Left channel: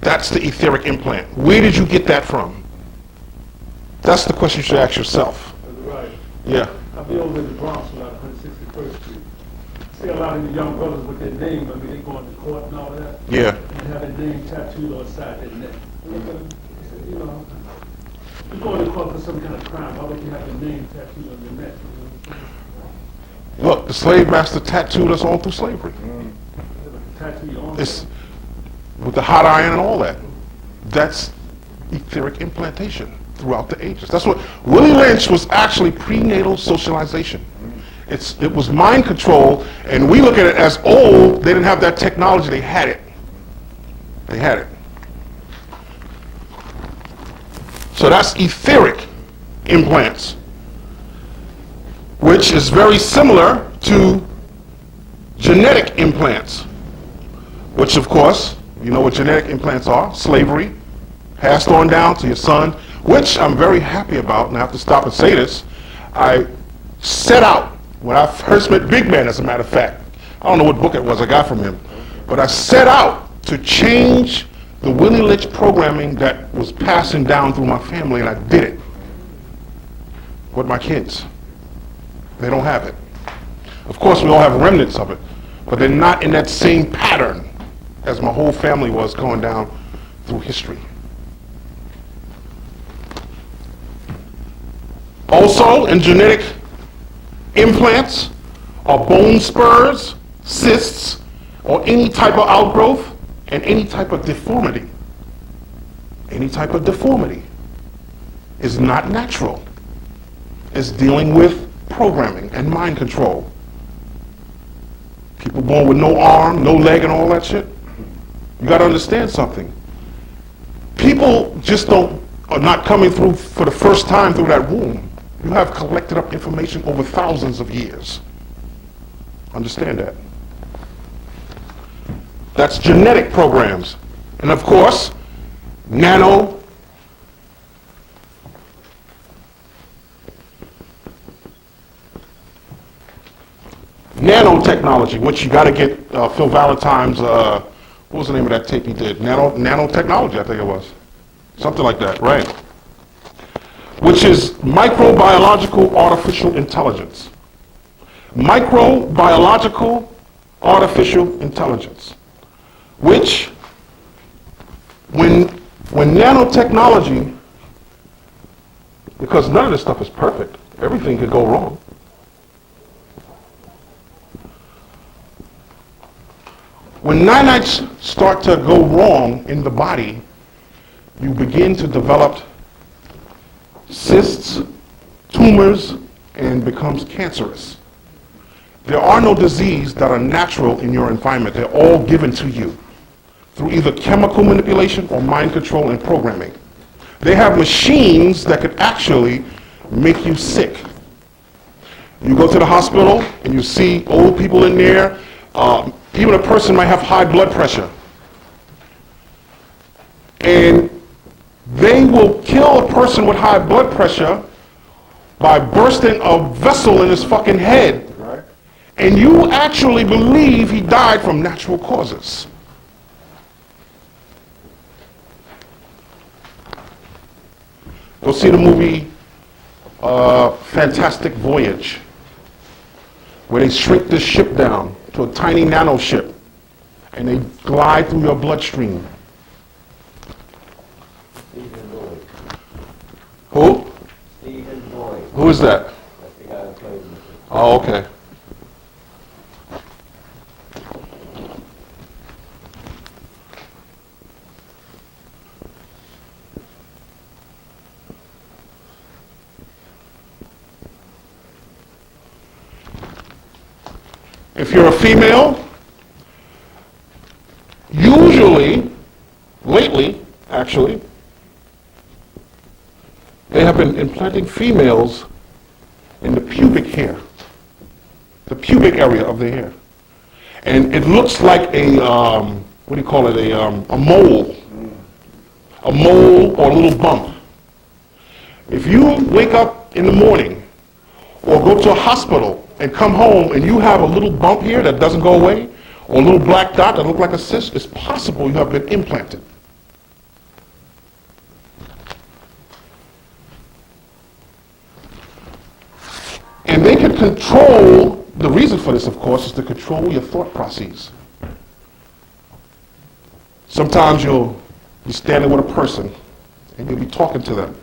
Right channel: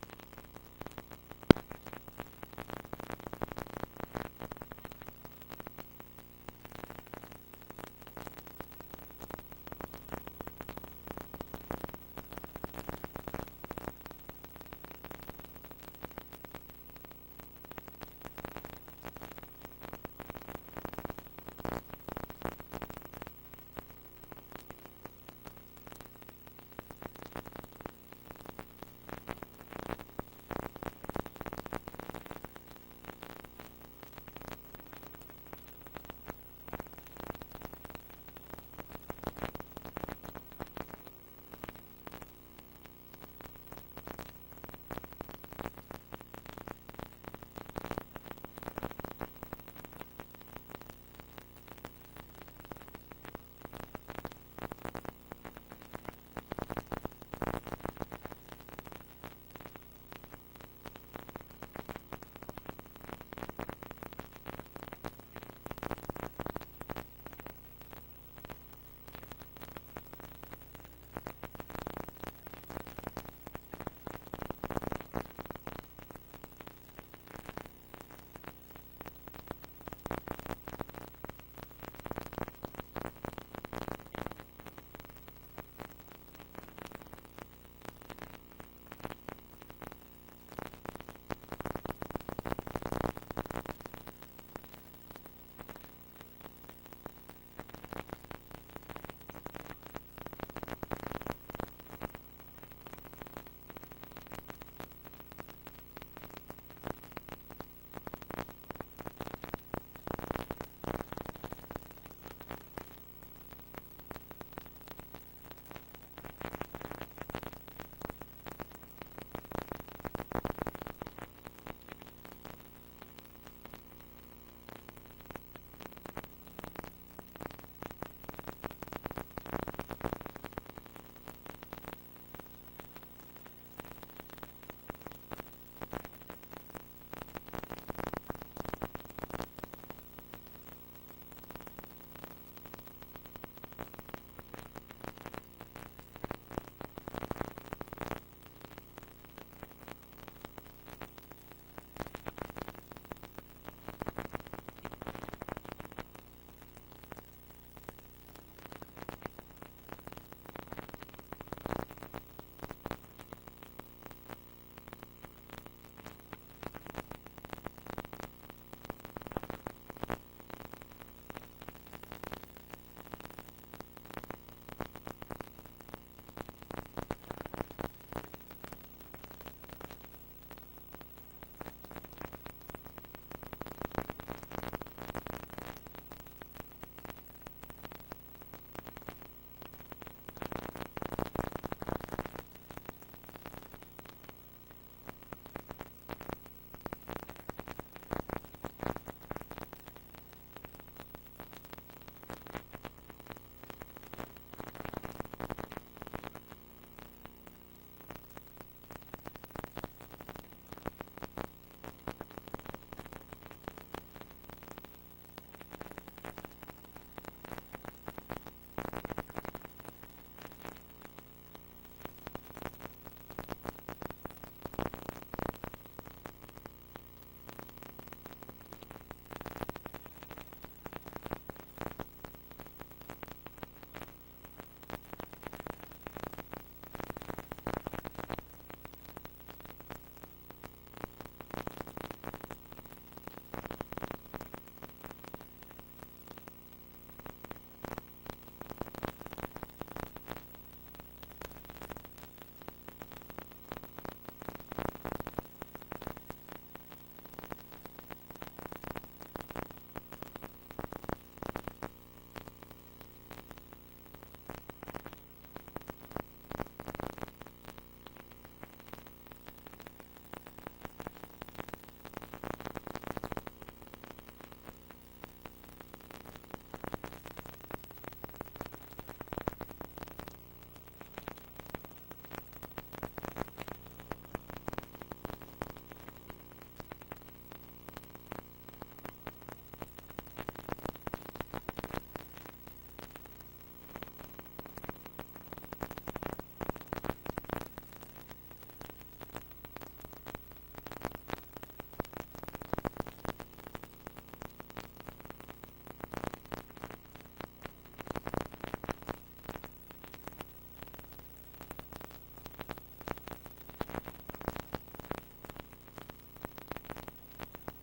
That's the etheric implant. Where did you get that from? That's the question you should ask yourself. Right. Yeah. I'll be over in the Bronx, about 161st Street. See a lot of the young brothers with their name, I mean, they go into court and all that. Yeah. And have their name tattooed on the side of their neck. And they go, you know, you're going to court for some kind of crime. Why would you have your name tattooed on your neck? Look, the slave master tattooed us all through slavery. Tattoo your own. It's with the hot iron and all that. That's etheric implantation throughout the ages. That's what Willie Lynch was actually prenatal socialization. It was mind control, and we look at it as old. They didn't have that technology. They had it. They had it. So that's etheric implants, which is very similar to genetic implants, which of course, you know what genetic implants are: slavery, passed on down to your son, which I'm very happy about, and I have to stop and say this. I set out, when I first met Big Man, as a matter of fact, I don't know what book it was I got from him, but I set out to change the Willie Lynch programming that was passing down through my family, and I did it with my kids. They don't have it. Of course, we all have remnants of it, but they're not in that same pattern as my whole family was going down through history. Also, in genetic implants are bone spurs, cysts, or any type of outgrowth, and any type of deformity. Any type of deformity is not natural. It's dealing with programming and mind control. People born with no arm, no leg, and all that shit. You got to understand something. People just are not coming through for the first time through that womb. You have collected up information over thousands of years. Understand that. That's genetic programs. And of course, nanotechnology, which you got to get Phil Valentine's, what was the name of that tape he did? Nanotechnology, I think it was. Something like that, right? Which is microbiological artificial intelligence. Microbiological artificial intelligence. Which, when nanotechnology, because none of this stuff is perfect, everything could go wrong. When nanites start to go wrong in the body, you begin to develop cysts, tumors, and becomes cancerous. There are no diseases that are natural in your environment. They're all given to you through either chemical manipulation or mind control and programming. They have machines that could actually make you sick. You go to the hospital and you see old people in there. Even a person might have high blood pressure. And they will kill a person with high blood pressure by bursting a vessel in his fucking head. Right. And you actually believe he died from natural causes. Go see the movie Fantastic Voyage, where they shrink this ship down to a tiny nano ship, and they glide through your bloodstream. Who? Who is that? Oh, okay. If you're a female, usually, lately, actually, they have been implanting females in the pubic hair, the pubic area of the hair. And it looks like a, what do you call it, a mole or a little bump. If you wake up in the morning or go to a hospital and come home and you have a little bump here that doesn't go away, or a little black dot that looks like a cyst, it's possible you have been implanted. control, the reason for this, of course, is to control your thought processes. Sometimes you'll be standing with a person and you'll be talking to them.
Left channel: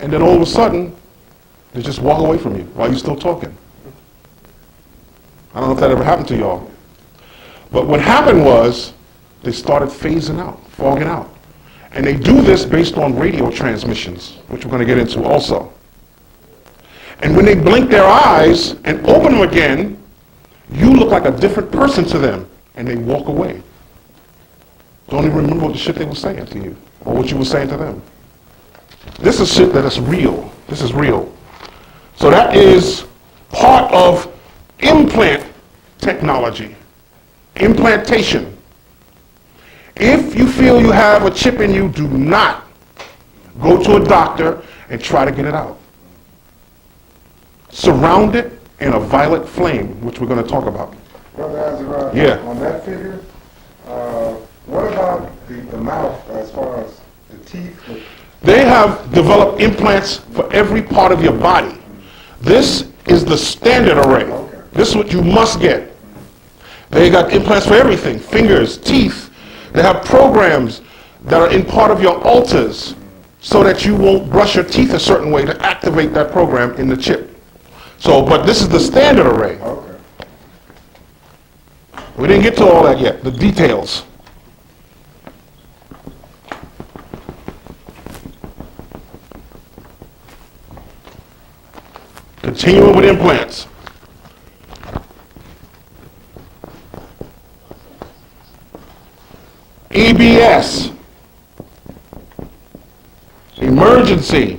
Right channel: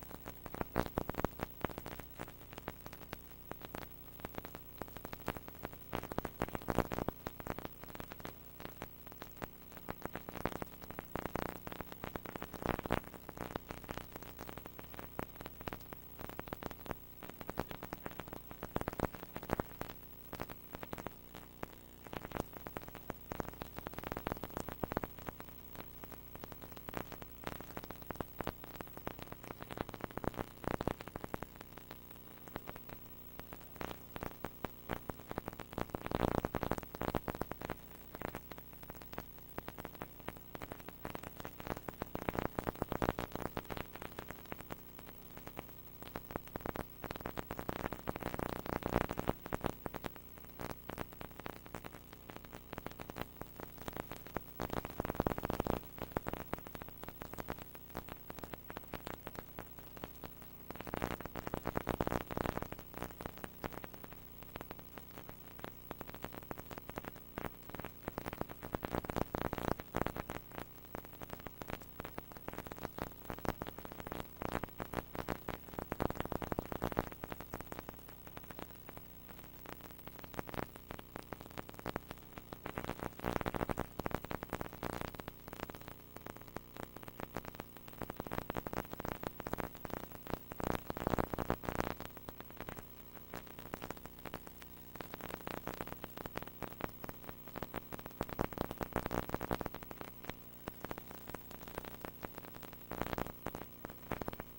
And then all of a sudden, they just walk away from you while you're still talking. I don't know if that ever happened to y'all. But what happened was they started phasing out, fogging out. And they do this based on radio transmissions, which we're going to get into also. And when they blink their eyes and open them again, you look like a different person to them, and they walk away. Don't even remember what the shit they were saying to you, or what you were saying to them. This is shit that is real. This is real. So that is part of implant technology, implantation. If you feel you have a chip in you, do not go to a doctor and try to get it out. Surround it in a violet flame, which we're going to talk about. Brother Azzaziel, Yeah. on that figure, what about the mouth as far as the teeth? They have developed implants for every part of your body. This is the standard array. Okay. This is what you must get. They got implants for everything, fingers, teeth. They have programs that are in part of your alters so that you won't brush your teeth a certain way to activate that program in the chip. So, but this is the standard array. Okay. We didn't get to all that yet, the details. Continuing with implants. EBS, emergency,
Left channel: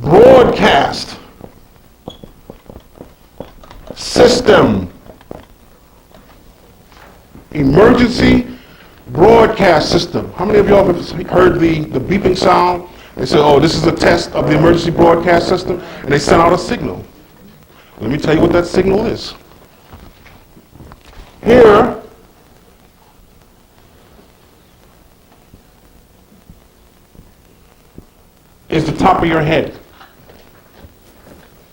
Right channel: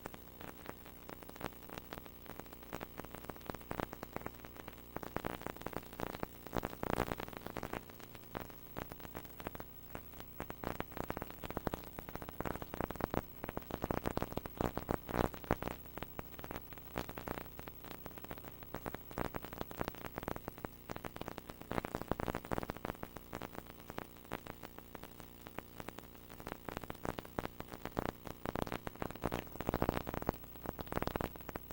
broadcast, system, emergency broadcast system. How many of y'all have heard the beeping sound? They say, oh, this is a test of the emergency broadcast system, and they send out a signal. Let me tell you what that signal is. Here is the top of your head.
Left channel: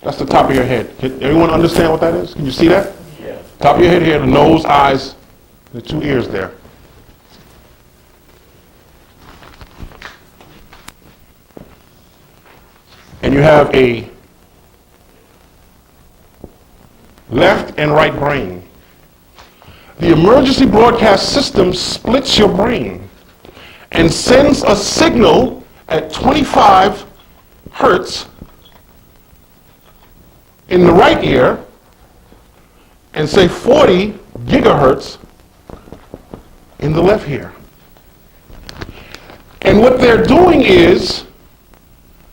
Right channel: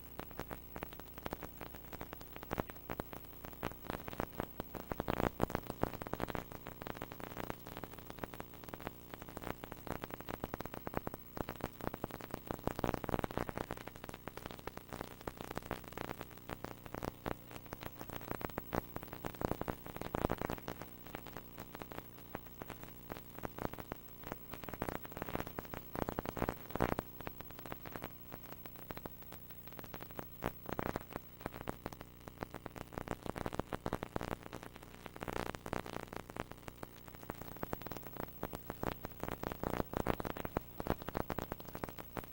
That's the top of your head. Can everyone understand what that is? Can you see that? Yeah. Top of your head here, the nose, eyes, the two ears there. And you have a left and right brain. The emergency broadcast system splits your brain and sends a signal at 25 hertz in the right ear and say 40 gigahertz in the left ear. And what they're doing is,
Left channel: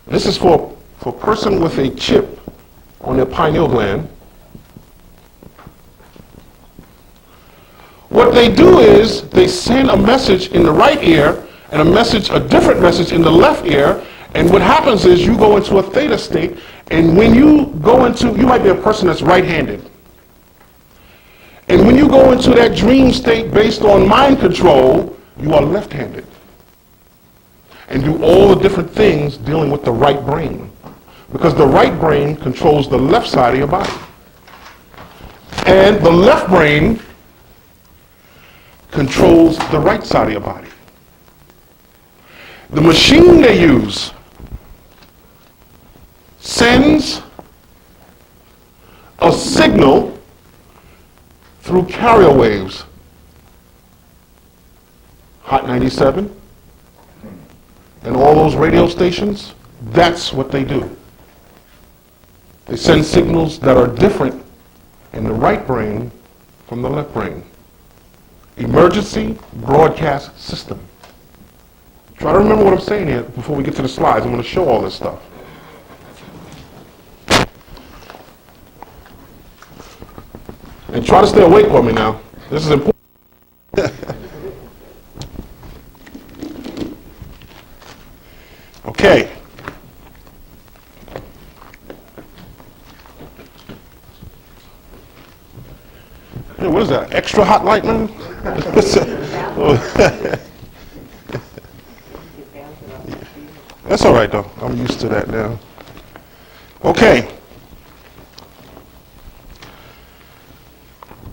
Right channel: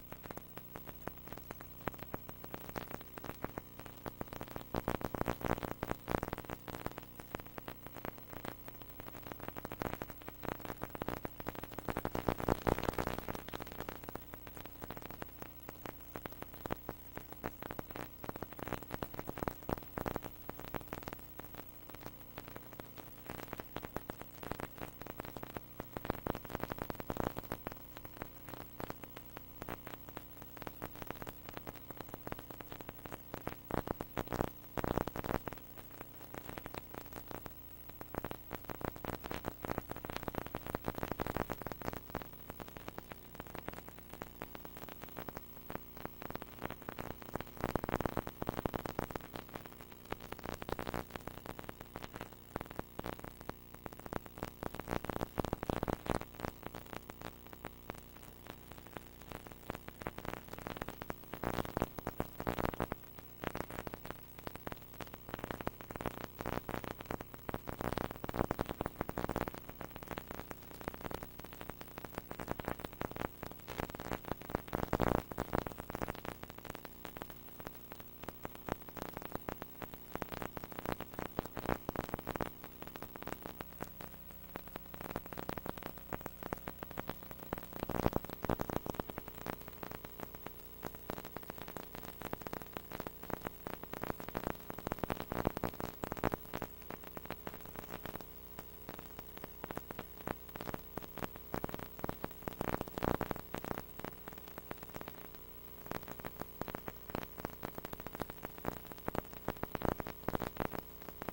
this is for a person with a chip on their pineal gland. What they do is they send a message in the right ear and a different message in the left ear, and what happens is you go into a theta state, and when you go into, you might be a person that's right-handed, and when you go into that dream state based on mind control, you are left-handed and do all the different things dealing with the right brain, because the right brain controls the left side of your body, and the left brain controls the right side of your body. The machine they use sends a signal through carrier waves. Hot 97 and all those radio stations, that's what they do. They send signals that are different in the right brain from the left brain. Emergency broadcast system. Try to remember what I'm saying here before we get to the slides. I'm going to show all this stuff. And try to stay awake for me now. This is important. Okay. Hey, what is that? Extra hot light, man? That's all right, though. I'm used to that now. Okay.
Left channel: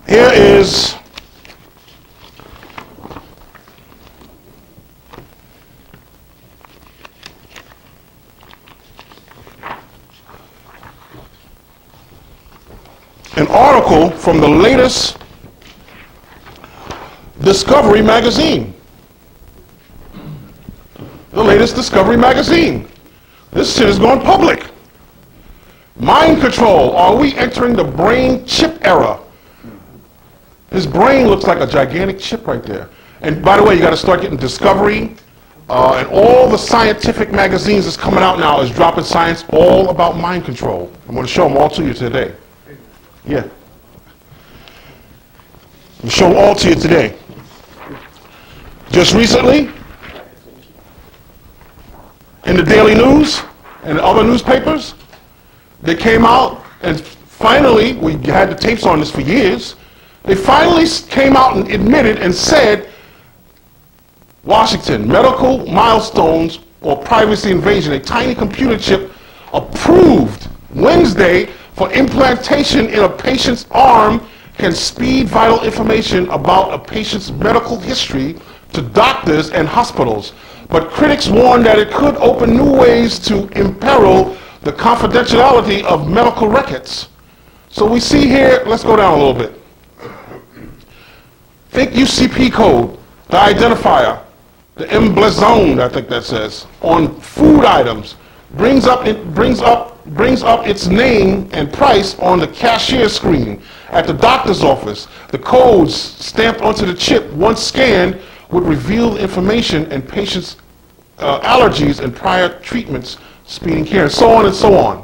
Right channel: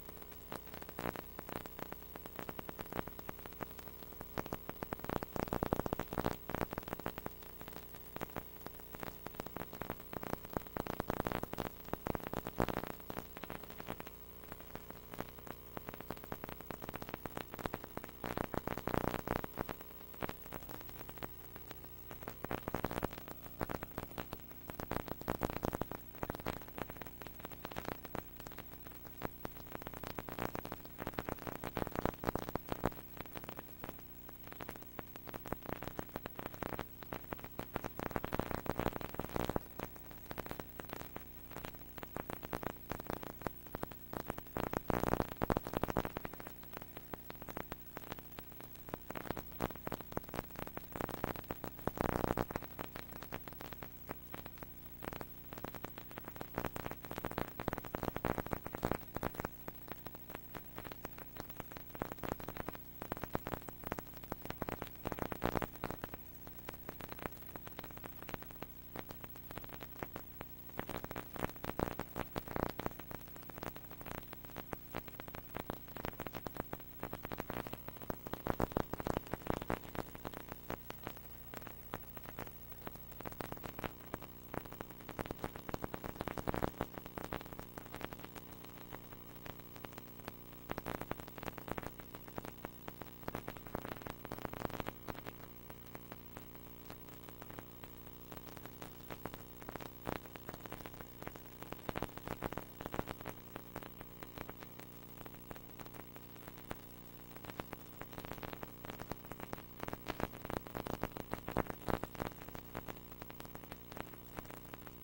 Here is an article from the latest Discovery magazine. The latest Discovery magazine. This shit is going public. Mind control. Are we entering the brain chip era? His brain looks like a gigantic chip right there. And by the way, you got to start getting Discovery, and all the scientific magazines that's coming out now is dropping science all about mind control. I'm going to show them all to you today. Yeah. I'm going to show them all to you today. Just recently, in the Daily News and other newspapers, they came out and finally, we had the tapes on this for years, they finally came out and admitted and said, Washington, medical milestones or privacy invasion, a tiny computer chip approved Wednesday for implantation in a patient's arm can speed vital information about a patient's medical history to doctors and hospitals. But critics warn that it could open new ways to imperil the confidentiality of medical records. So we see here, let's go down a little bit. Think UCP code, the identifier, the emblazoned, I think that says, on food items, brings up its name and price on the cashier screen at the doctor's office. The codes stamped onto the chip, once scanned, would reveal information and patients' allergies and prior treatments, speeding care, and so on and so on.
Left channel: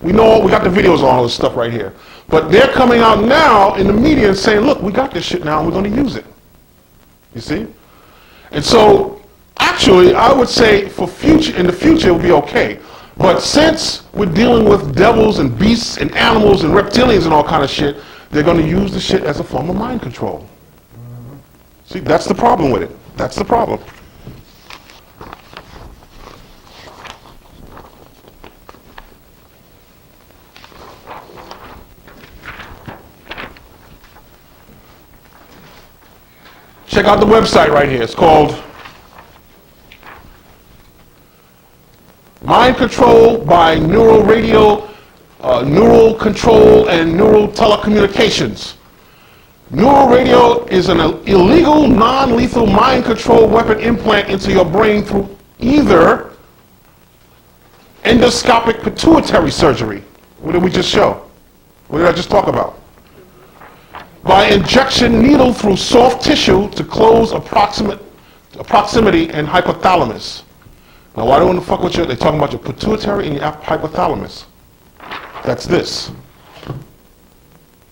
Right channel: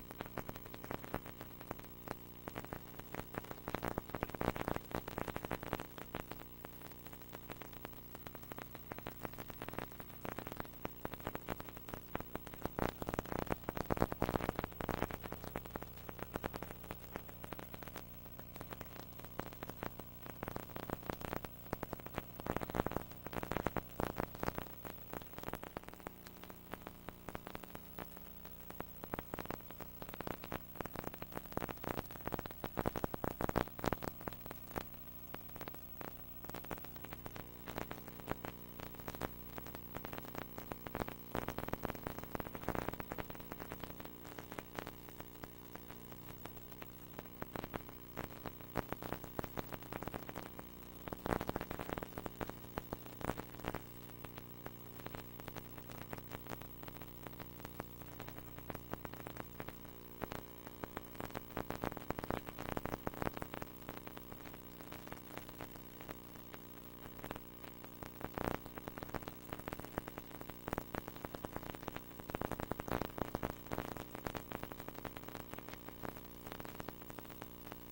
We know, we got the videos on all this stuff right here. But they're coming out now in the media and saying, look, we got this shit now and we're going to use it. You see? And so, actually, I would say in the future it will be okay. But since we're dealing with devils and beasts and animals and reptilians and all kind of shit, they're going to use the shit as a form of mind control. See, that's the problem with it. That's the problem. Check out the website right here. It's called Mind Control by Neural Radio, Neural Control and Neural Telecommunications. Neural radio is an illegal, non-lethal mind control weapon implant into your brain through either endoscopic pituitary surgery. What did we just show? What did I just talk about? By injection needle through soft tissue to close a proximity and hypothalamus. Now, why do I want to fuck with you? They're talking about your pituitary and your hypothalamus. That's this.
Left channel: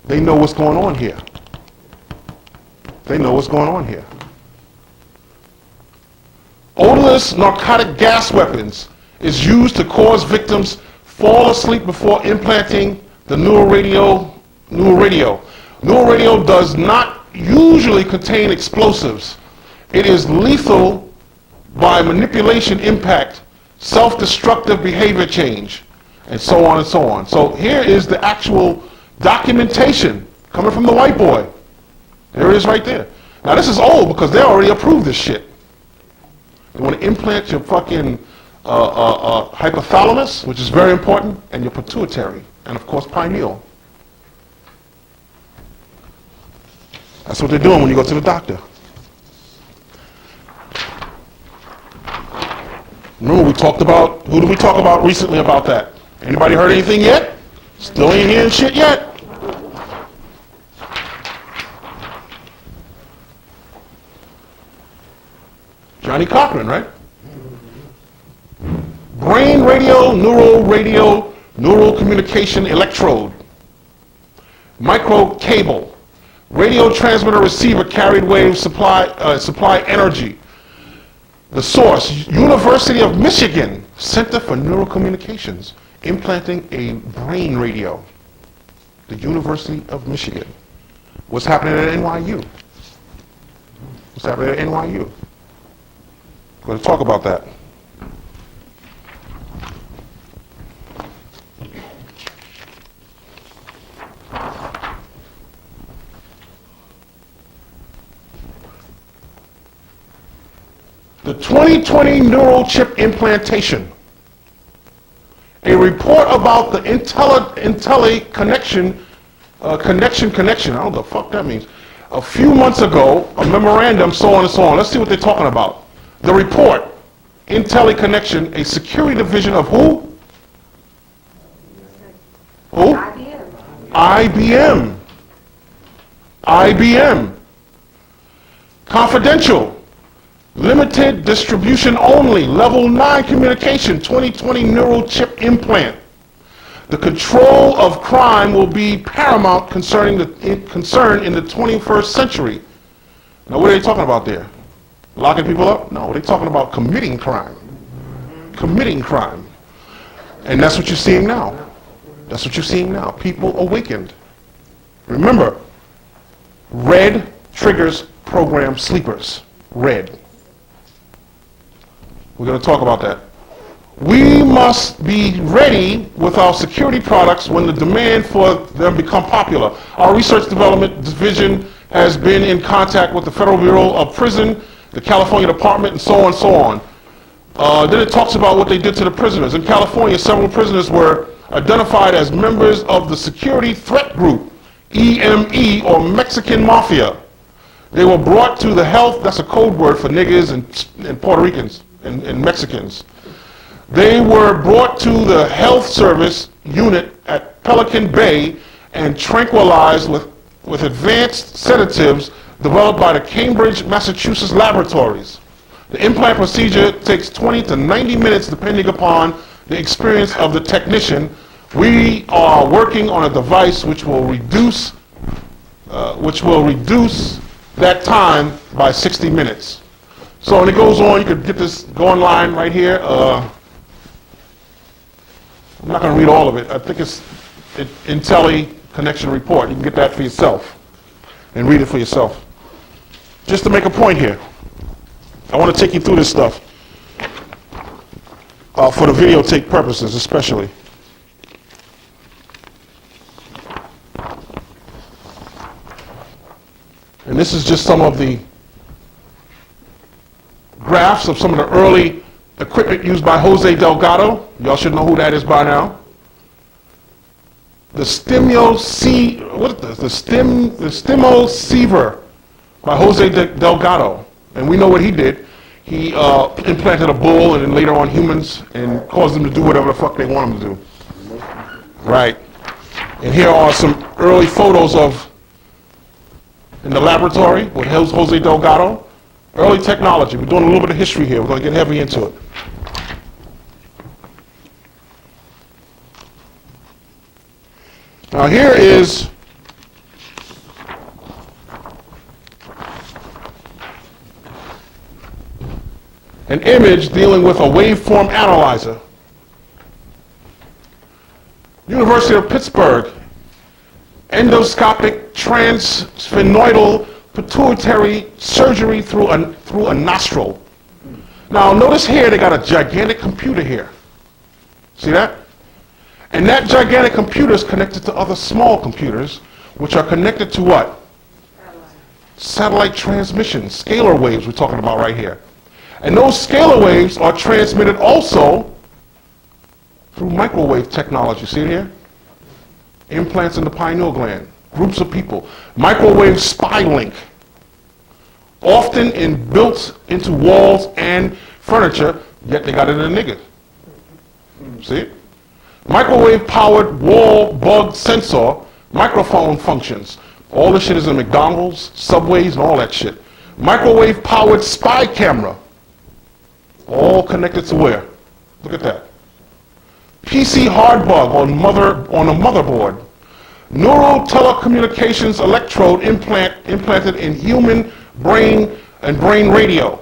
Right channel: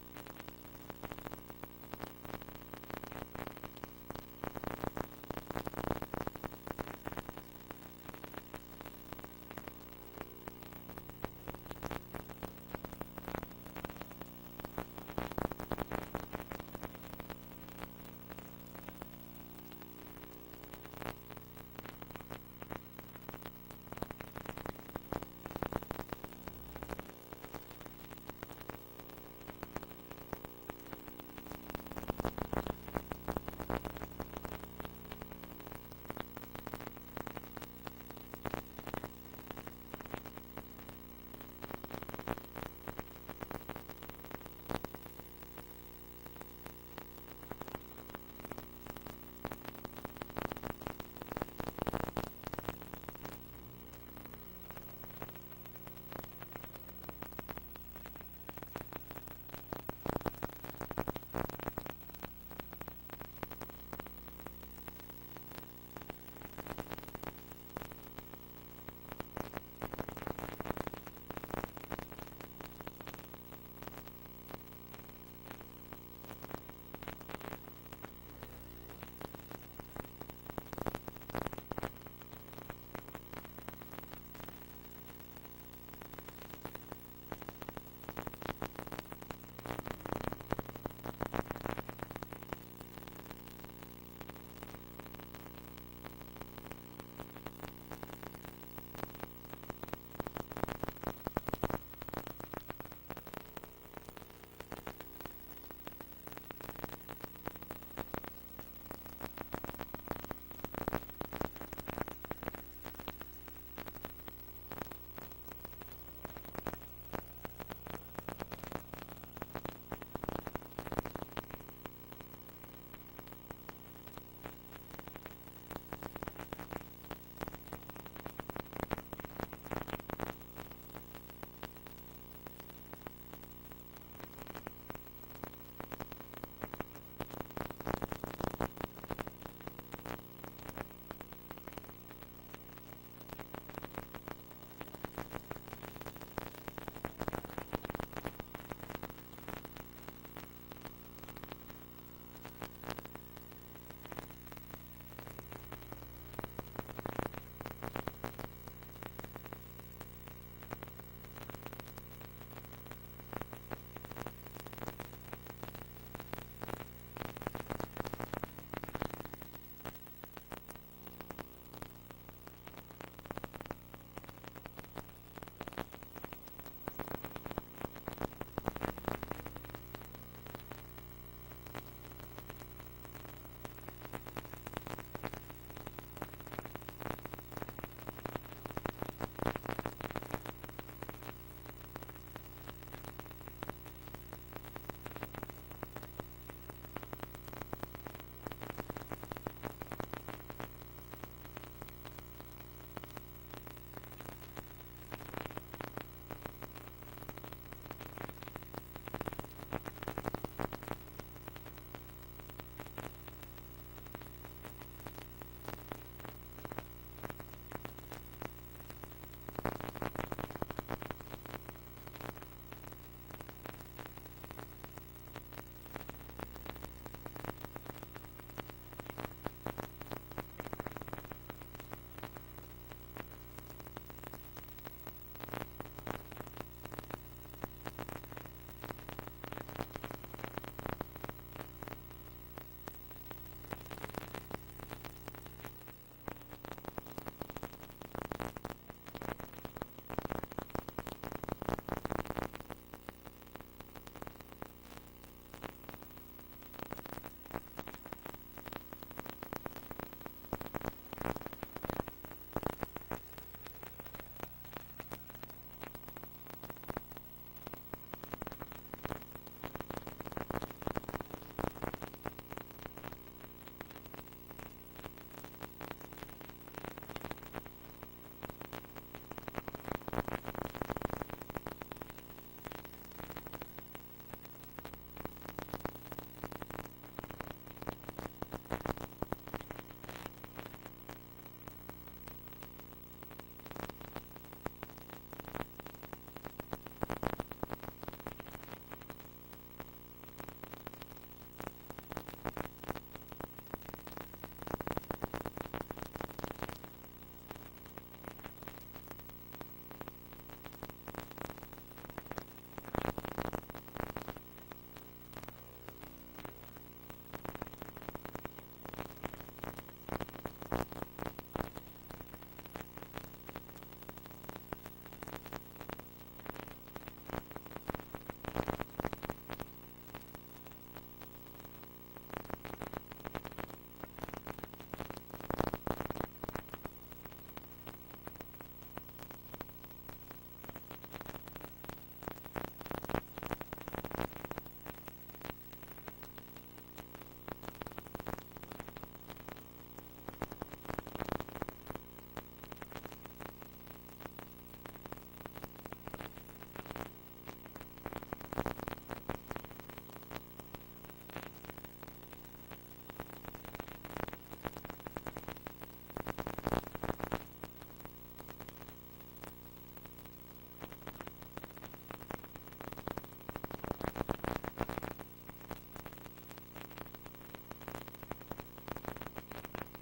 They know what's going on here. They know what's going on here. Odorless narcotic gas weapons is used to cause victims fall asleep before implanting the neural radio. Neural radio does not usually contain explosives. It is lethal by manipulation, impact, self-destructive behavior change, and so on and so on. So here is the actual documentation coming from the white boy. There it is right there. Now this is old because they already approved this shit. They want to implant your fucking hypothalamus, which is very important, and your pituitary, and of course pineal. That's what they're doing when you go to the doctor. Remember we talked about, who did we talk about recently about that? Anybody heard anything yet? Still ain't hearing shit yet? Johnny Cochran, right? Brain radio, neural communication electrode. Micro cable. Radio transmitter receiver carried wave supply energy. The source, University of Michigan, Center for Neural Communications, implanting a brain radio. The University of Michigan. What's happening at NYU? What's happening at NYU? We're going to talk about that. The 2020 neural chip implantation. A report about the Intelli connection, I don't know what the fuck that means. A few months ago, a memorandum, so on and so on. Let's see what they're talking about. The report, Intelli connection, a security division of who? Who? IBM. IBM. Confidential. Limited distribution only. Level 9 communication. 2020 neural chip implant. The control of crime will be paramount concern in the 21st century. Now, what are they talking about there? Locking people up? No, they're talking about committing crime. Committing crime. And that's what you're seeing now. That's what you're seeing now. People awakened. Remember, red triggers program sleepers. Red. We're going to talk about that. We must be ready with our security products when the demand for them become popular. Our research development division has been in contact with the Federal Bureau of Prison, the California Department, and so on and so on. Then it talks about what they did to the prisoners. In California, several prisoners were identified as members of the Security Threat Group, EME, or Mexican Mafia. They were brought to the health, that's a code word for niggers and Puerto Ricans and Mexicans. They were brought to the health service unit at Pelican Bay and tranquilized with advanced sedatives developed by the Cambridge, Massachusetts laboratories. The implant procedure takes 20 to 90 minutes depending upon the experience of the technician. We are working on a device which will reduce that time by 60 minutes. So when it goes on, you could get this, go online right here. I'm not going to read all of it. I think it's Intelli Connection Report. You can get that for yourself and read it for yourself. Just to make a point here, I want to take you through this stuff for the videotape purposes especially. And this is just some of the graphs of some of the early equipment used by Jose Delgado. Y'all should know who that is by now. The Stimosiever by Jose Delgado. And we know what he did. He implanted a bull and then later on humans and caused them to do whatever the fuck they want them to do. Right. And here are some early photos of in the laboratory with Jose Delgado. Early technology. We're doing a little bit of history here. We're going to get heavy into it. Now here is an image dealing with a waveform analyzer. University of Pittsburgh, endoscopic transsphenoidal pituitary surgery through a nostril. Now notice here they got a gigantic computer here. See that? And that gigantic computer is connected to other small computers, which are connected to what? Satellite transmissions, scalar waves we're talking about right here. And those scalar waves are transmitted also through microwave technology. See it here? Implants in the pineal gland. Groups of people. Microwave spy link. Often built into walls and furniture, yet they got it in a nigga. See it? Microwave powered wall bug sensor, microphone functions. All this shit is in McDonald's, Subways, and all that shit. Microwave powered spy camera. All connected to where? Look at that. PC hard bug on a motherboard. Neural telecommunications electrode implanted in human brain and brain radio.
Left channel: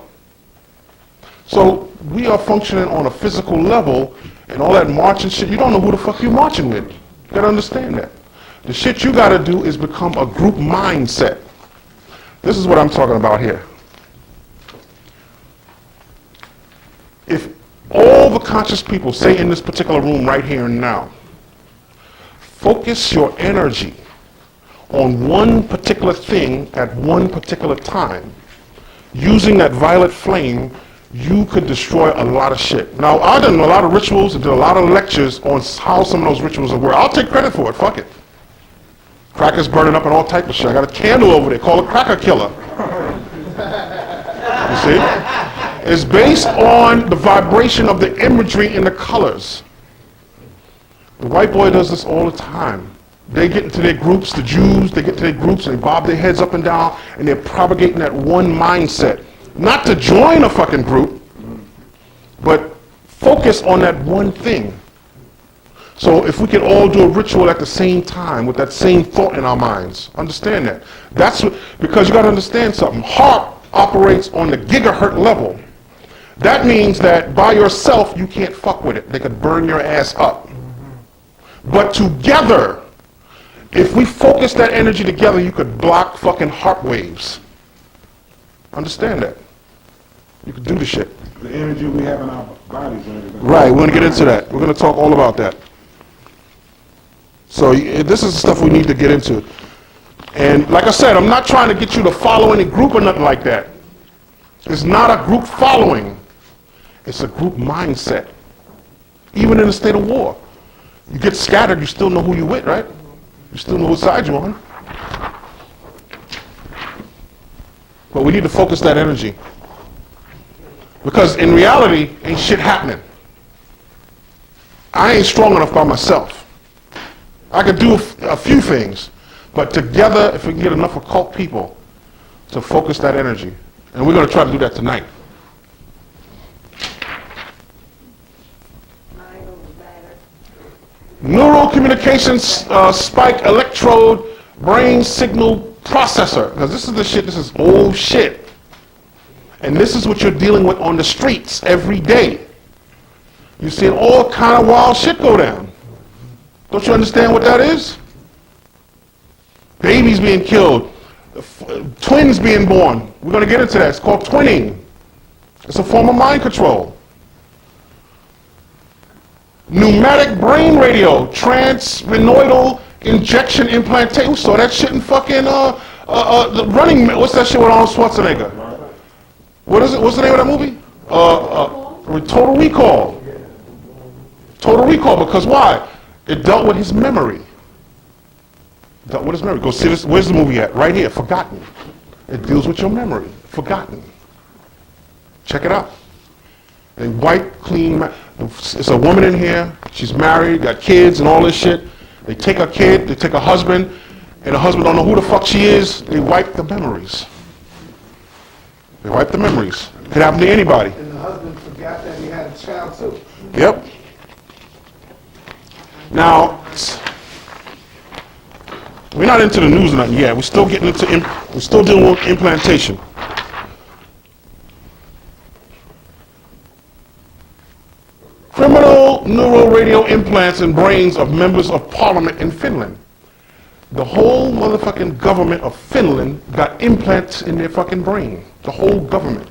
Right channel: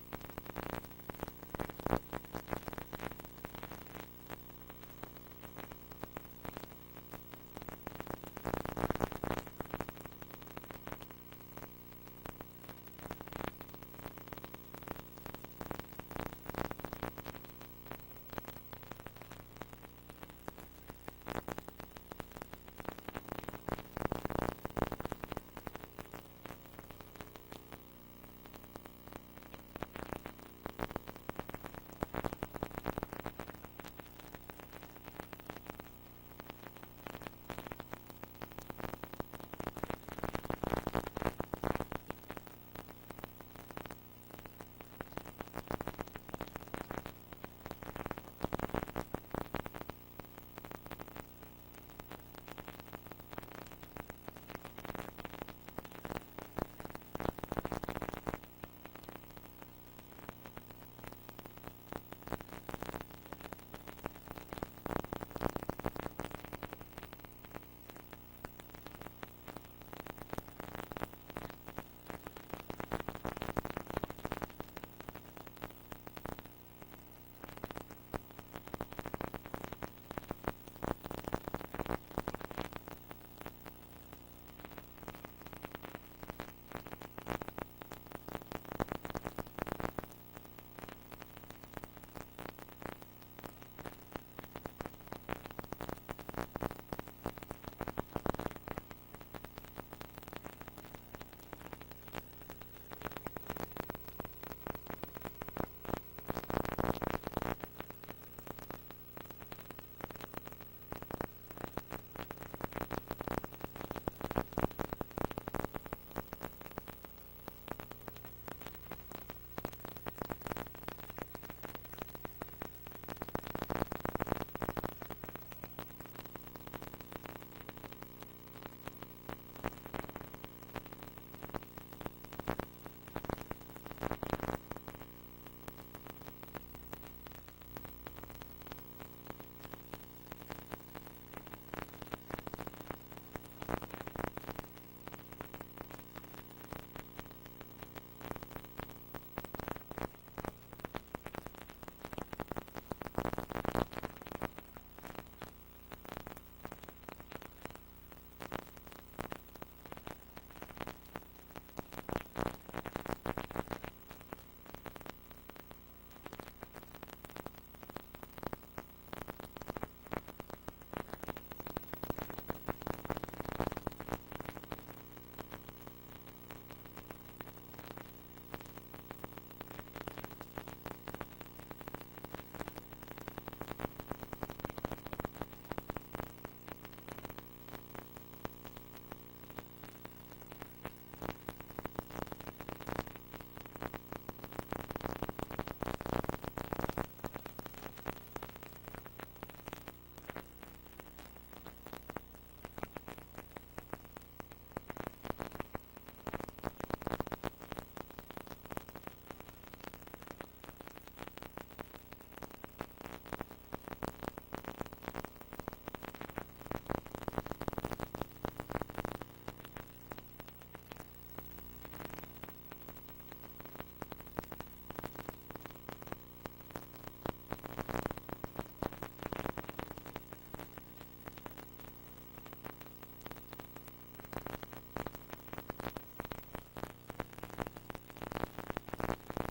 So we are functioning on a physical level, and all that marching shit, you don't know who the fuck you're marching with. You gotta understand that. The shit you gotta do is become a group mindset. This is what I'm talking about here. If all the conscious people, say in this particular room right here and now, focus your energy on one particular thing at one particular time, using that violet flame, you could destroy a lot of shit. Now, I've done a lot of rituals and did a lot of lectures on how some of those rituals work. I'll take credit for it, fuck it. Crackers burning up and all type of shit. I got a candle over there called a cracker killer. You see? It's based on the vibration of the imagery and the colors. The white boy does this all the time. They get into their groups, the Jews, they get into their groups and they bob their heads up and down and they're propagating that one mindset. Not to join a fucking group, but focus on that one thing. So if we could all do a ritual at the same time with that same thought in our minds, understand that. That's what, because you got to understand something. HAARP operates on the gigahertz level. That means that by yourself you can't fuck with it. They could burn your ass up. But together, if we focus that energy together, you could block fucking HAARP waves. Understand that. You could do the shit. The energy we have in our bodies and everything. Right, we're going to get into that. We're going to talk all about that. So this is the stuff we need to get into. And like I said, I'm not trying to get you to follow any group or nothing like that. It's not a group following. It's a group mindset. Even in a state of war. You get scattered, you still know who you're with, right? You still know what side you're on. But we need to focus that energy. Because in reality, ain't shit happening. I ain't strong enough by myself. I could do a few things, but together, if we can get enough occult people to focus that energy, and we're going to try to do that tonight. Neural communications spike electrode brain signal processor. Because this is the shit, this is old shit. And this is what you're dealing with on the streets every day. You're seeing all kind of wild shit go down. Don't you understand what that is? Babies being killed, twins being born. We're going to get into that. It's called twinning. It's a form of mind control. Pneumatic brain radio, transvenoidal injection implantation. We saw that shit in fucking the running. What's that shit with Arnold Schwarzenegger? What is it? What's the name of that movie? Total Recall. Total Recall. Because why? It dealt with his memory. Dealt with his memory. Go see this. Where's the movie at? Right here. Forgotten. It deals with your memory. Forgotten. Check it out. They wipe clean. It's a woman in here. She's married, got kids and all this shit. They take a kid, they take a husband, and the husband don't know who the fuck she is. They wipe the memories. They wipe the memories. It could happen to anybody. And the husband forgot that he had a child too. Yep. Now, we're not into the news or nothing yet. We're still getting into, we're still dealing with implantation. Criminal neural radio implants in brains of members of parliament in Finland. The whole motherfucking government of Finland got implants in their fucking brain. The whole government.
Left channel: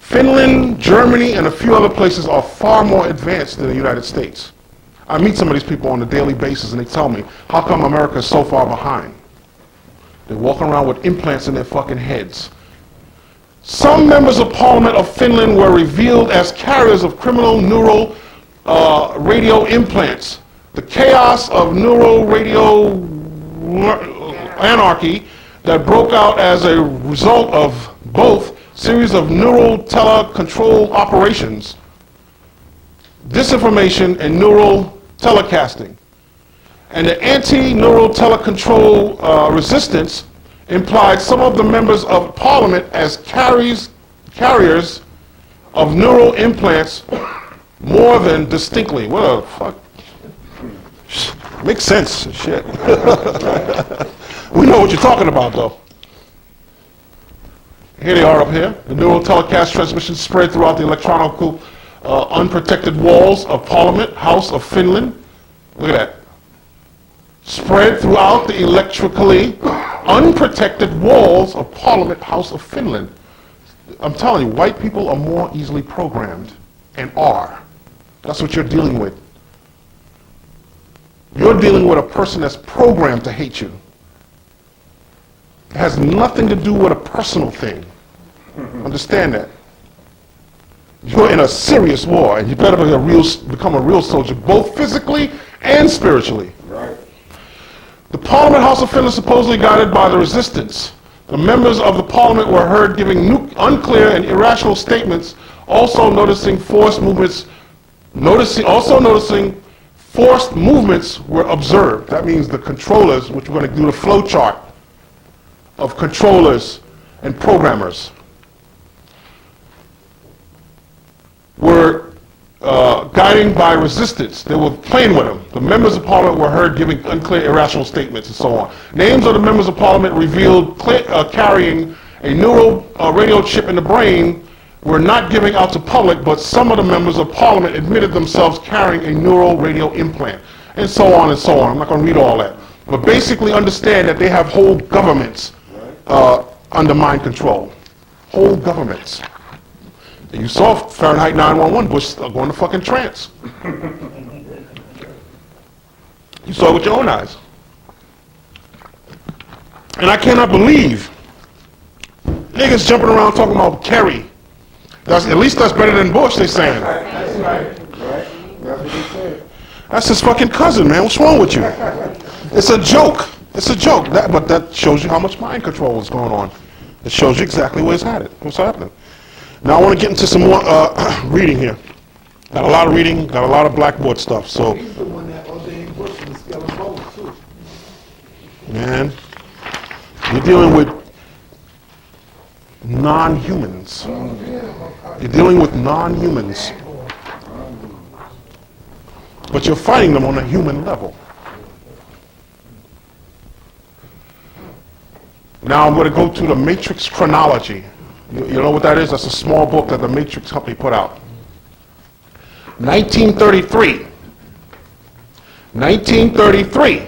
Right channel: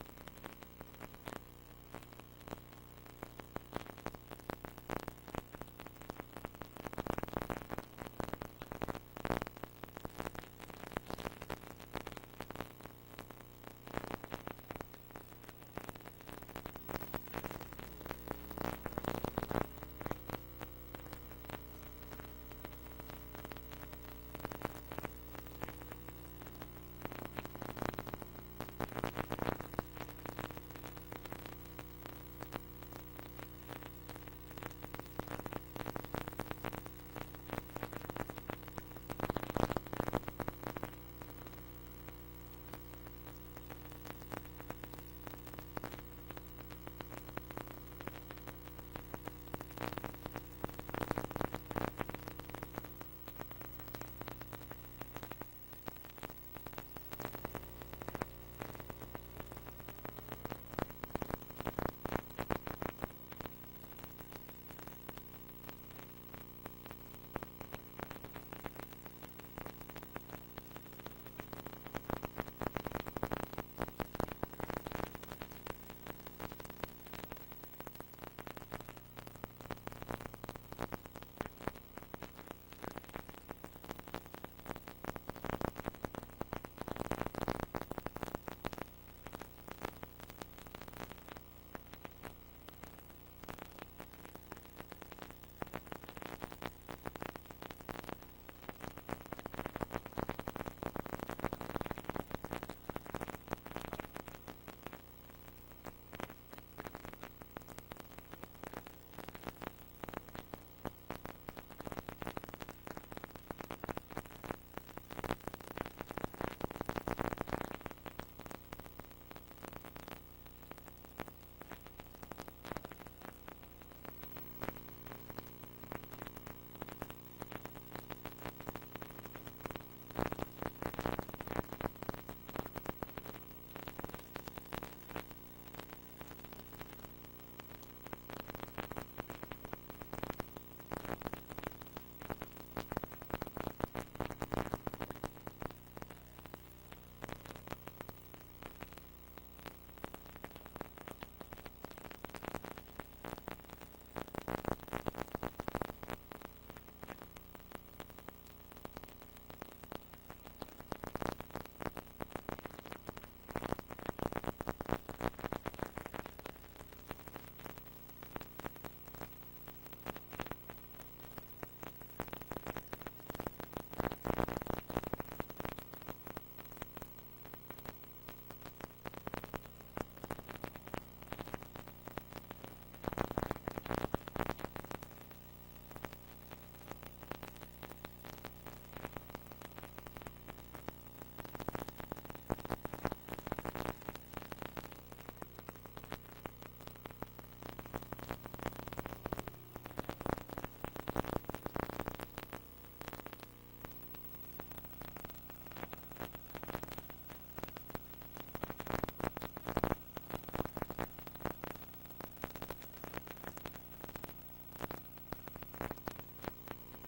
Finland, Germany, and a few other places are far more advanced than the United States. I meet some of these people on a daily basis and they tell me, how come America is so far behind? They're walking around with implants in their fucking heads. Some members of Parliament of Finland were revealed as carriers of criminal neural radio implants. The chaos of neural radio anarchy that broke out as a result of both series of neural telecontrol operations, disinformation, and neural telecasting. And the anti-neural telecontrol resistance implied some of the members of Parliament as carriers of neural implants more than distinctly. What the fuck? Makes sense, shit. We know what you're talking about, though. Here they are up here. The neural telecast transmission spread throughout the electronical unprotected walls of Parliament, House of Finland. Look at that. Spread throughout the electrically unprotected walls of Parliament, House of Finland. I'm telling you, white people are more easily programmed, and are. That's what you're dealing with. You're dealing with a person that's programmed to hate you. It has nothing to do with a personal thing. Understand that. You're in a serious war, and you better become a real soldier, both physically and spiritually. Right. The Parliament House of Finland supposedly guided by the resistance. The members of the Parliament were heard giving unclear and irrational statements, also noticing forced movements were observed. That means the controllers, which we're going to do the flow chart of controllers and programmers, were guiding by resistance. They were playing with them. The members of Parliament were heard giving unclear, irrational statements and so on. Names of the members of Parliament revealed carrying a neural radio chip in the brain were not giving out to public, but some of the members of Parliament admitted themselves carrying a neural radio implant, and so on and so on. I'm not going to read all that. But basically understand that they have whole governments under mind control. Whole governments. And you saw Fahrenheit 9/11, Bush going to fucking trance. You saw it with your own eyes. And I cannot believe niggas jumping around talking about Kerry. At least that's better than Bush, they saying. That's right. Right? That's what he said. That's his fucking cousin, man. What's wrong with you? It's a joke. It's a joke. But that shows you how much mind control is going on. It shows you exactly what's happening. Now I want to get into some more reading here. Got a lot of reading, got a lot of blackboard stuff. So, He's the one that ordained Bush in the scale of gold, too. man, you're dealing with non-humans. You're dealing with non-humans. But you're fighting them on a human level. Now I'm going to go to the Matrix chronology. You know what that is? That's a small book that the Matrix company put out. 1933. 1933.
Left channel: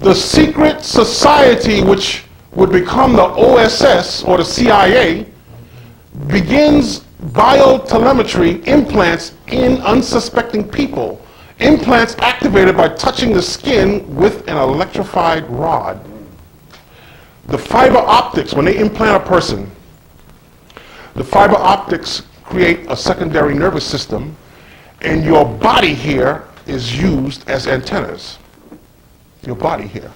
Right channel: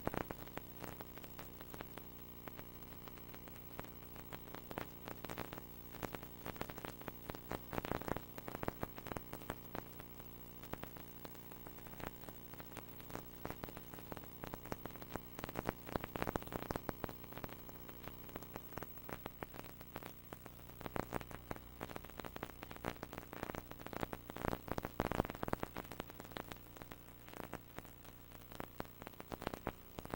The secret society which would become the OSS or the CIA begins biotelemetry implants in unsuspecting people. Implants activated by touching the skin with an electrified rod. The fiber optics, when they implant a person, the fiber optics create a secondary nervous system, and your body here is used as antennas. Your body here.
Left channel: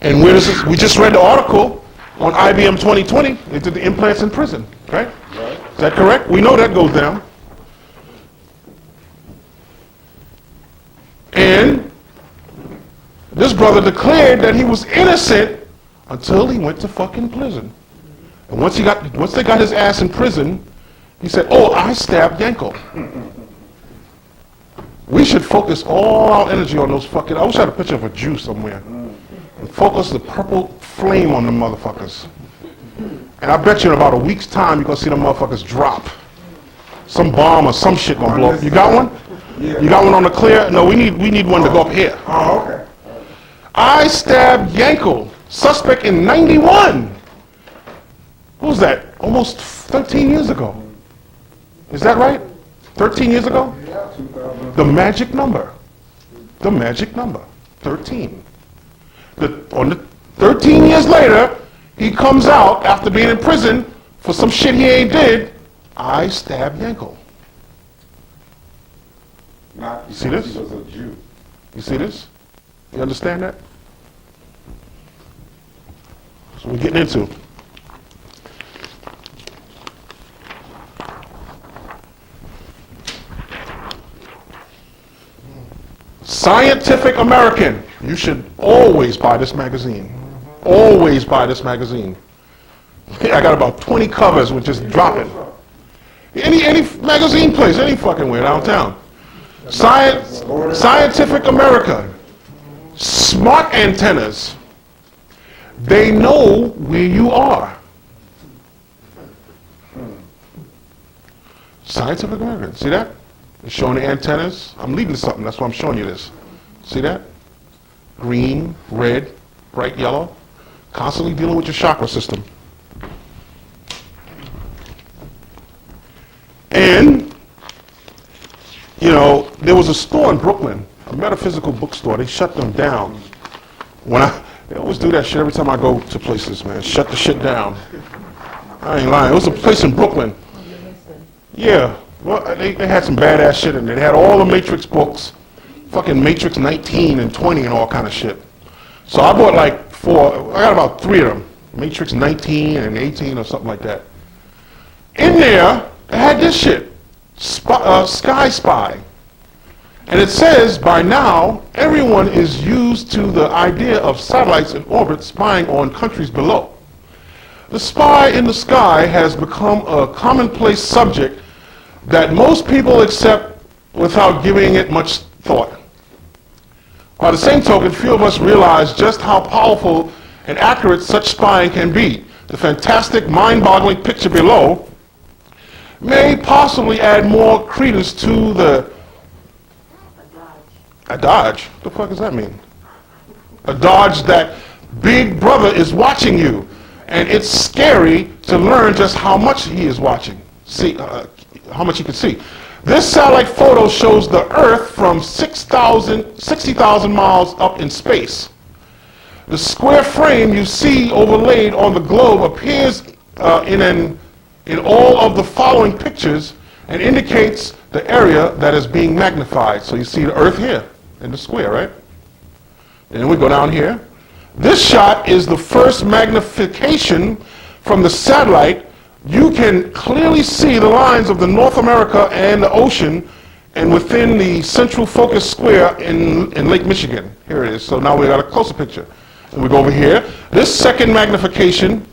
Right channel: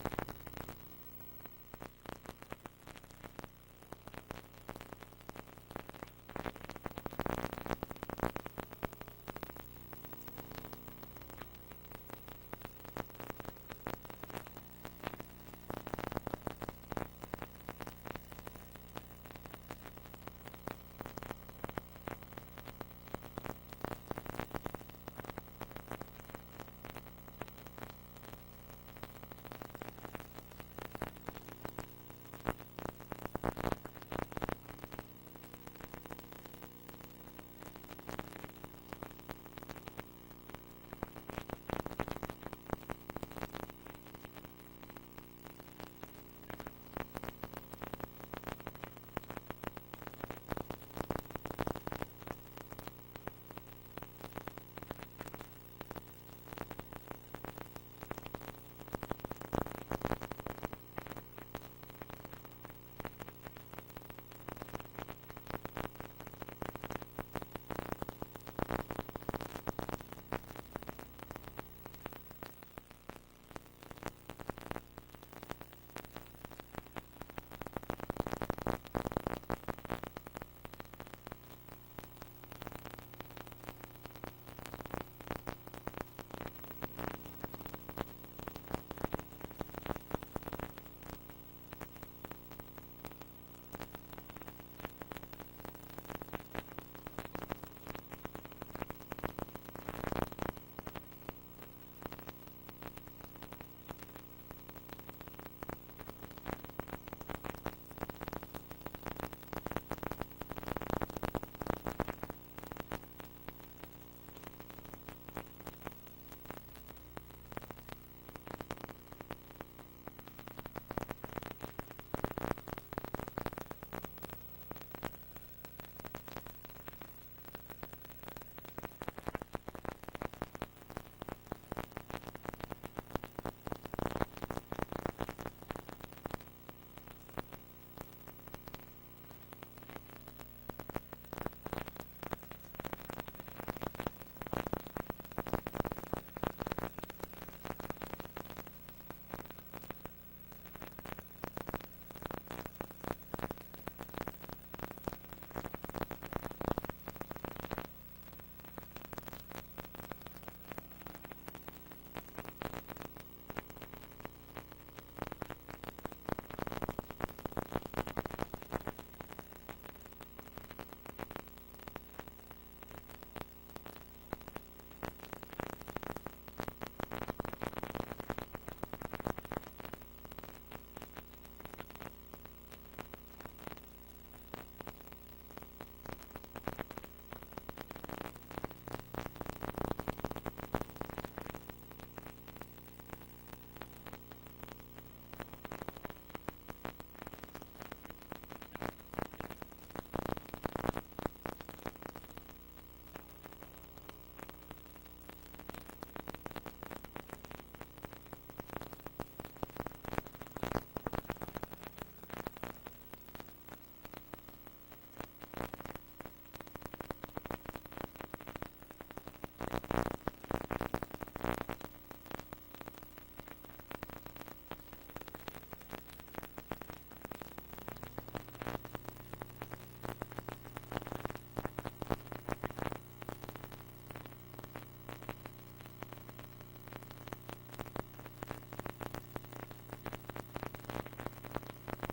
And where does this, we just read the article on IBM 2020. They did the implants in prison, right? Is that correct? We know that goes down. And this brother declared that he was innocent until he went to fucking prison. And once they got his ass in prison, he said, "Oh, I stabbed Yanko." We should focus all our energy on those fucking, I wish I had a picture of a Jew somewhere. And focus the purple flame on them motherfuckers. And I bet you in about a week's time, you're gonna see them motherfuckers drop. Some bomb or some shit gonna blow up. You got one? Yeah. You got one on the clear? No, we need one to go up here. Oh, okay. I stabbed Yanko, suspect in 91. What was that? Almost 13 years ago. Is that right? 13 years ago? Yeah, 2000. The magic number. The magic number. 13. 13 years later, he comes out after being in prison for some shit he ain't did. I stabbed Yanko. Not See because this? he was a Jew. You see this? You understand that? That's what we're getting into. Scientific American. You should always buy this magazine. Always buy this magazine. I got about 20 covers with just dropping. Any magazine place, any fucking way downtown. Scientific America. Smart antennas. They know where you are. Scientific American. See that? It's showing the antennas. I'm leading to something. That's why I'm showing you this. See that? Green, red, bright yellow. Constantly dealing with your chakra system. And, you know, there was a store in Brooklyn, a metaphysical bookstore. They shut them down. They always do that shit every time I go to places, man. Shut the shit down. I ain't lying. It was a place in Brooklyn. Yeah. Well, they had some badass shit in there. They had all the Matrix books. Fucking Matrix 19 and 20 and all kind of shit. So I bought like 4. I got about 3 of them. Matrix 19 and 18 or something like that. In there, they had this shit. Sky Spy. And it says, by now, everyone is used to the idea of satellites in orbit spying on countries below. The spy in the sky has become a commonplace subject that most people accept without giving it much thought. By the same token, few of us realize just how powerful and accurate such spying can be. The fantastic, mind-boggling picture below may possibly add more credence to the a dodge? What the fuck does that mean? A dodge that Big Brother is watching you. And it's scary to learn just how much he is watching. See, how much he can see. This satellite photo shows the Earth from 60,000 miles up in space. The square frame you see overlaid on the globe appears in all of the following pictures and indicates the area that is being magnified. So you see the Earth here in the square, right? And then we go down here. This shot is the first magnification from the satellite. You can clearly see the lines of the North America and the ocean and within the central focus square in Lake Michigan. Here it is. So now we got a closer picture. And we go over here. This second magnification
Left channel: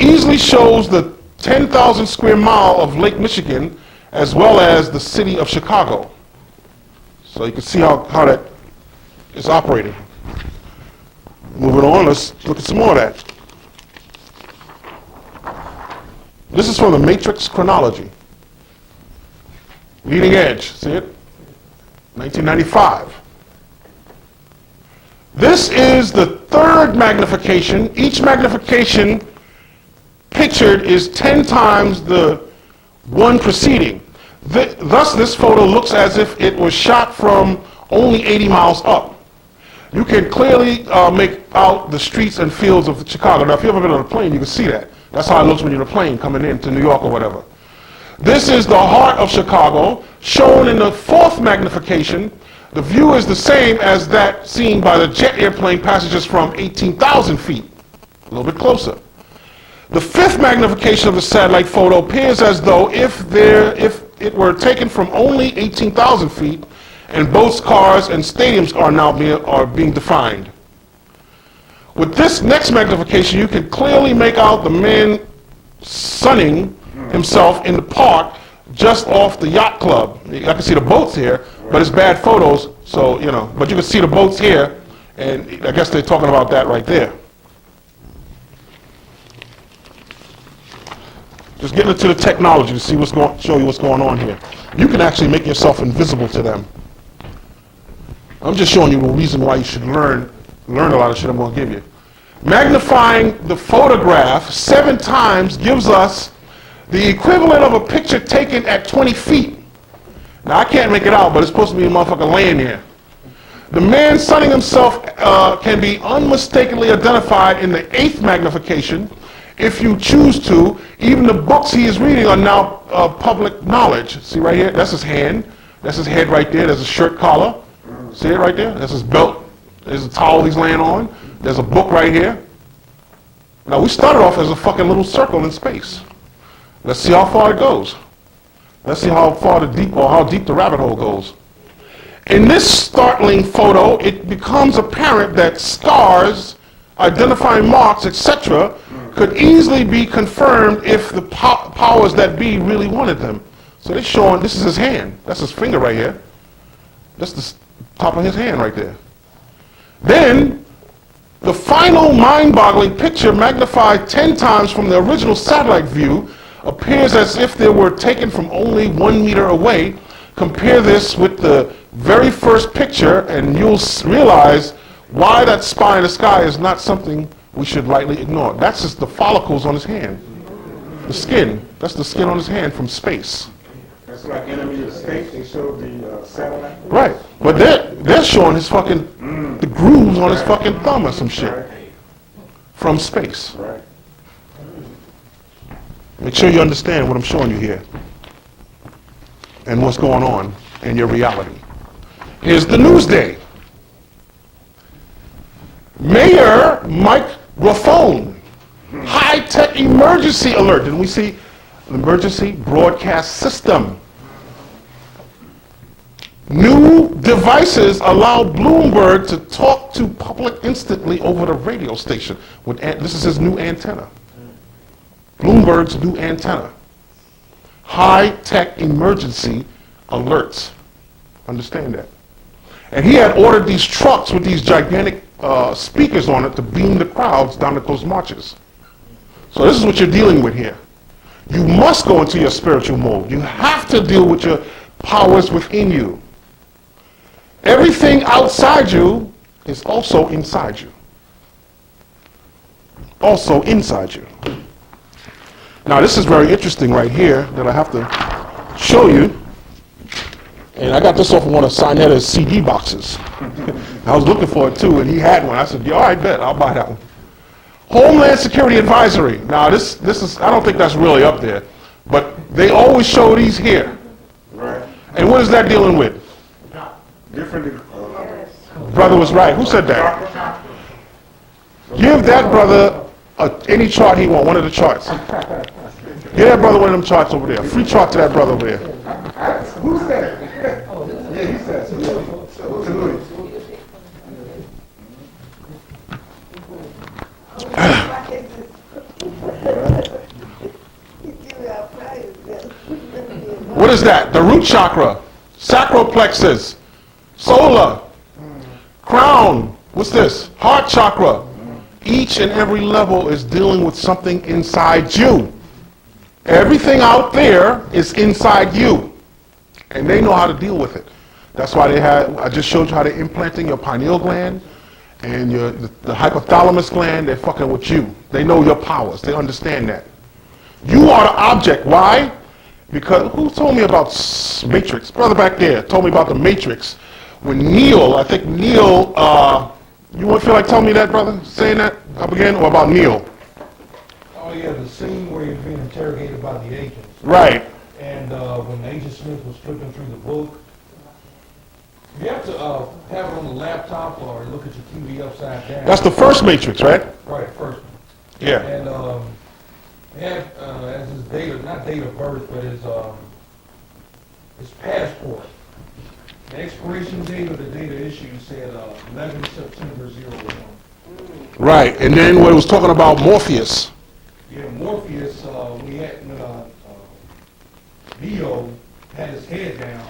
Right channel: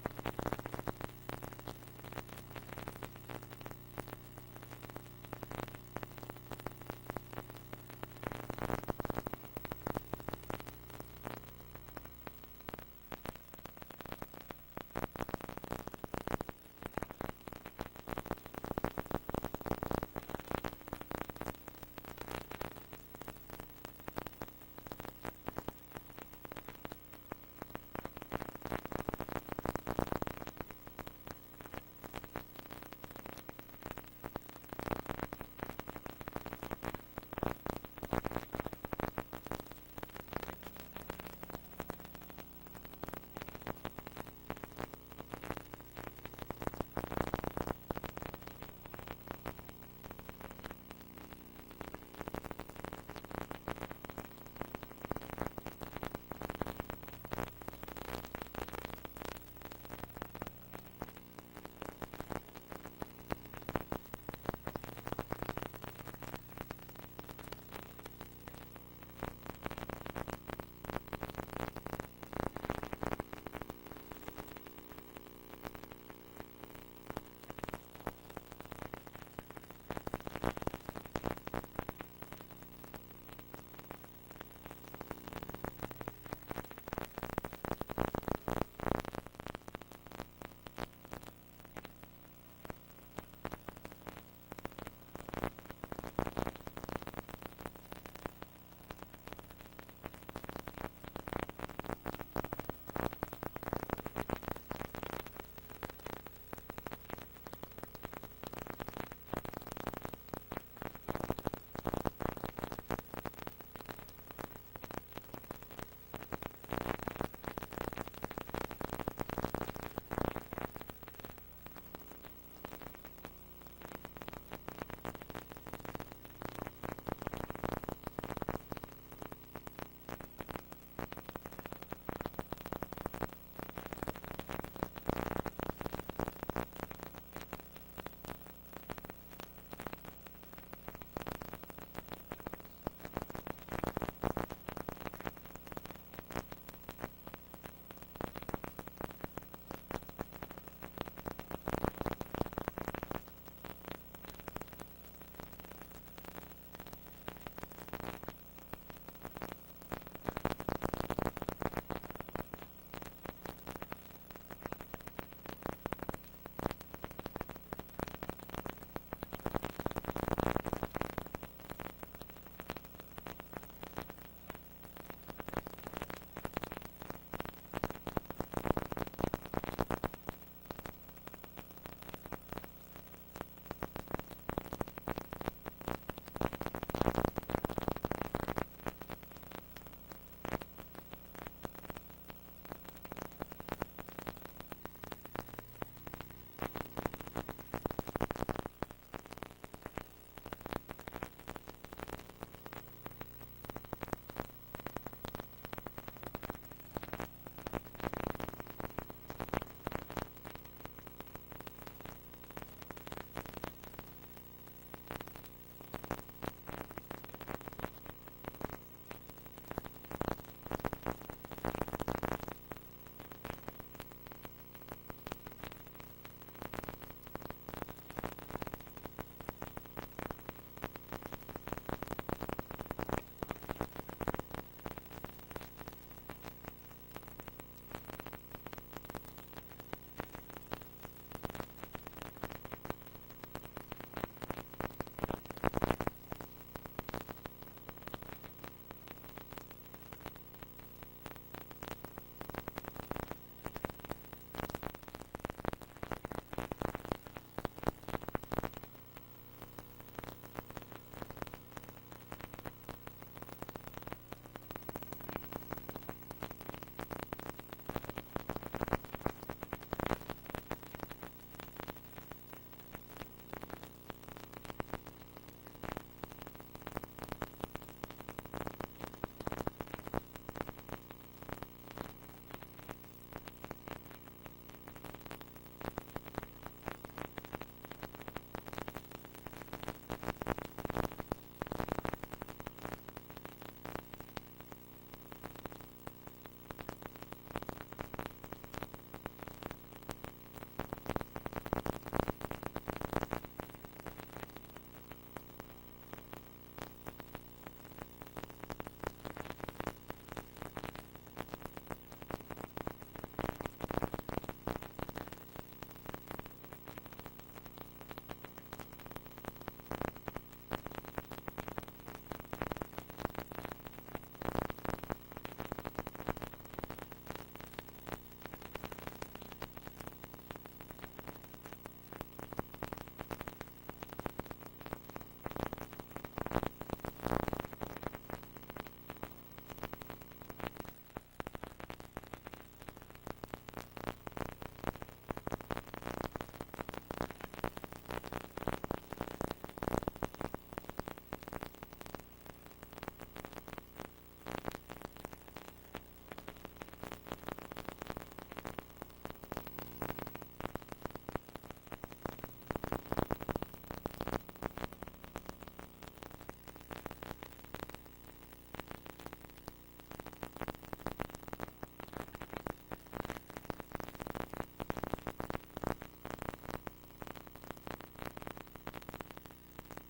easily shows the 10,000 square mile of Lake Michigan as well as the city of Chicago. So you can see how that is operating. Moving on, let's look at some more of that. This is from the Matrix chronology. Leading edge, see it? 1995. This is the third magnification. Each magnification pictured is 10 times the one preceding. Thus, this photo looks as if it was shot from only 80 miles up. You can clearly make out the streets and fields of Chicago. Now, if you've ever been on a plane, you can see that. That's how it looks when you're in a plane coming into New York or whatever. This is the heart of Chicago, shown in the fourth magnification. The view is the same as that seen by the jet airplane passengers from 18,000 feet, a little bit closer. The fifth magnification of the satellite photo appears as though if it were taken from only 18,000 feet, and boats, cars, and stadiums are now being defined. With this next magnification, you can clearly make out the man sunning himself in the park just off the yacht club. I can see the boats here, but it's bad photos, so, you know, but you can see the boats here, and I guess they're talking about that right there. Just getting into the technology to see show you what's going on here. You can actually make yourself invisible to them. I'm just showing you the reason why you should learn a lot of shit I'm going to give you. Magnifying the photograph 7 times gives us the equivalent of a picture taken at 20 feet. Now, I can't make it out, but it's supposed to be a motherfucker laying here. The man sunning himself can be unmistakably identified in the 8th magnification. If you choose to, even the books he is reading are now public knowledge. See right here? That's his hand. That's his head right there. There's a shirt collar. See it right there? That's his belt. There's a towel he's laying on. There's a book right here. Now, we started off as a fucking little circle in space. Let's see how far it goes. Let's see how deep the rabbit hole goes. In this startling photo, it becomes apparent that scars, identifying marks, etc., could easily be confirmed if the powers that be really wanted them. So they're showing, this is his hand. That's his finger right here. That's the top of his hand right there. Then, the final mind-boggling picture, magnified 10 times from the original satellite view, appears as if they were taken from only 1 meter away. Compare this with the very first picture, and you'll realize why that spy in the sky is not something we should lightly ignore. That's just the follicles on his hand. The skin. That's the skin on his hand from space. That's like Enemy of the State. They showed the satellite. Right. But they're showing his fucking the grooves on his fucking thumb or some shit Right. from space. Right. Make sure you understand what I'm showing you here and what's going on in your reality. Here's the news day. Mayor microphone. High-tech emergency alert. Didn't we see emergency broadcast system? New devices allow Bloomberg to talk to public instantly over the radio station. This is his new antenna. Bloomberg's new antenna. High-tech emergency alerts. Understand that. And he had ordered these trucks with these gigantic speakers on it to beam the crowds down at those marches. So this is what you're dealing with here. You must go into your spiritual mode. You have to deal with your powers within you. Everything outside you is also inside you. Also inside you. Now this is very interesting right here that I have to show you. And I got this off of one of Sinetta's CD boxes. I was looking for it too, and he had one. I said, yeah, all right, bet, I'll buy that one. Homeland Security Advisory. Now this is, I don't think that's really up there, but they always show these here. Right. And what is that dealing with? Different. Brother was right. Who said that? Give that brother any chart he wants, one of the charts. Give that brother one of them charts over there. Free chart to that brother over there. Who said it? Yeah, he said it. To Louis. What is that? The root chakra, sacral plexus, solar, crown. What's this? Heart chakra. Each and every level is dealing with something inside you. Everything out there is inside you. And they know how to deal with it. That's why I just showed you how they're implanting your pineal gland and the hypothalamus gland. They're fucking with you. They know your powers. They understand that. You are the object. Why? Because who told me about Matrix? Brother back there told me about the Matrix. When Neo, I think Neo, you wouldn't feel like telling me that, brother? Saying that up again? Or about Neo? Oh yeah, the scene where you're being interrogated by the agents. Right. And when Agent Smith was flipping through the book, you have to have it on the laptop or look at your TV upside down. That's the first Matrix, right? Right, first one. Yeah. And had as his date, not date of birth, but his passport. The expiration date of the data issue said 11 September 01. Right. And then when it was talking about Morpheus. Yeah, Morpheus, when Neo had his head down,